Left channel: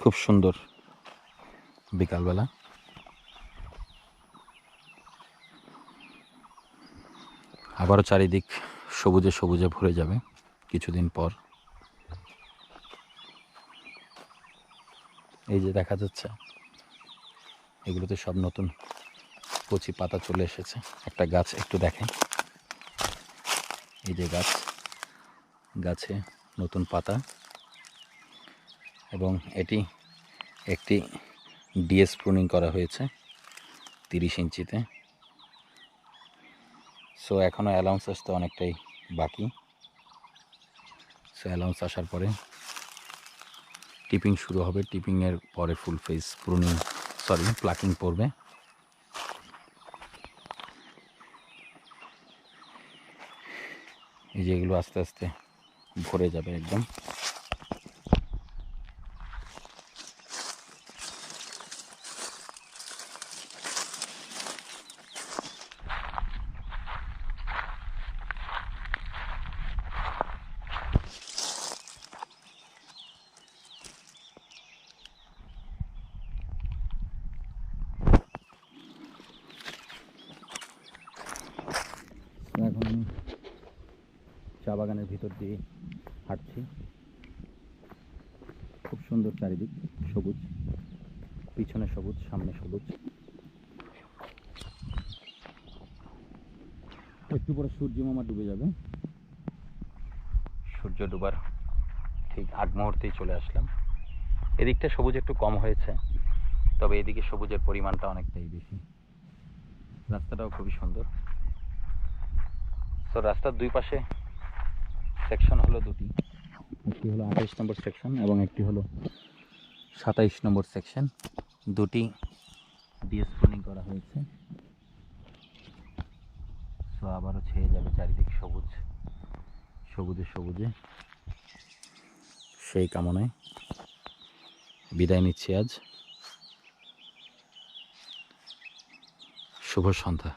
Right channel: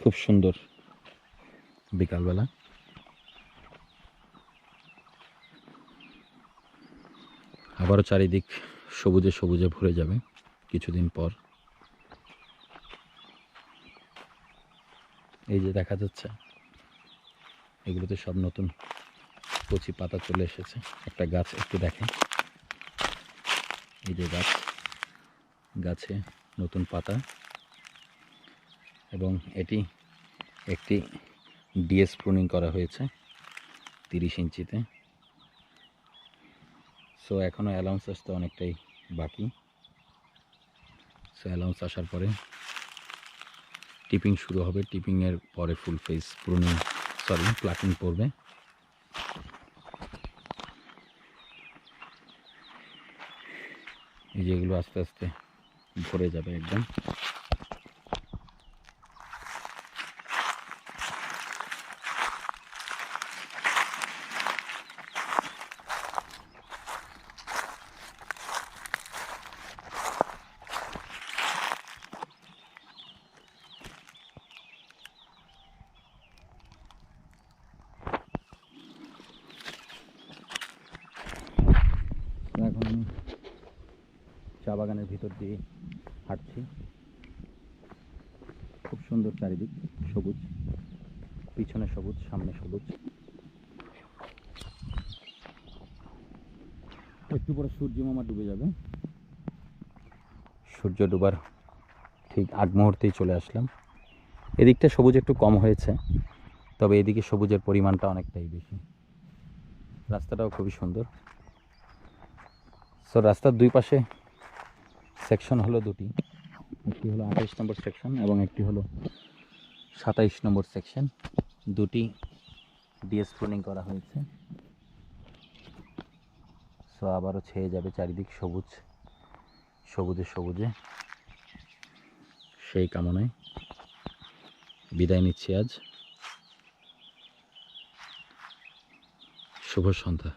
খুব সুন্দর বিকালবেলা। আবারও চারিদিক সবুজে সবুজে ভরে যাবে কিছুদিন পর। এই যে দেখা যাচ্ছে, এগুলোতে সব নতুন কচি পাতা চলে এসেছে। একটা গাছ একটু দেখেন, এই যে গাছে নতুন পাতা, এবং এটি একটি ডিএস প্রুনিং করা হয়েছে 30 ইঞ্চিতে। সো এখনও অ্যালাউন্স আসতে অনেকটাই বাকি। সো অ্যালাউন্স আসার পরে টিপিং শুরু হবে। টিপিংয়ের পরে ফুল ফেস প্লাকিং পড়বে। এই যে এগুলো আস্তে আস্তে ভরে যাবে একদম। এখন আমি চা বাগানের ভিতর দিয়ে হাঁটছি। খুব সুন্দর চারিদিক, সবুজ, পিছনে সবুজ, সামনে সবুজ। একটু পরে সূর্য মামা ডুবে যাবে। সূর্য ডুবার ঠিক আগ মুহূর্তেই চলে আসলাম। এদিকটা সবুজ একটু কম হয়েছে, তবে এদিকে সবুজের পরিমাণটা অনেকটাই বেশি। রাস্তাটাও খুবই সুন্দর। সো রাস্তার দুই পাশে সেকশন হলো দুটি, একটি হলো 28 নম্বর সেকশন এবং একটি হলো 27 নম্বর সেকশন। দুটি ডিএস প্রুনিং করা হয়েছে। সো আবারও ছেয়ে যাবে চারিদিক সবুজে সবুজে। সেই কামনায় বিদায় নিচ্ছি আজ। শুভ সন্ধ্যা।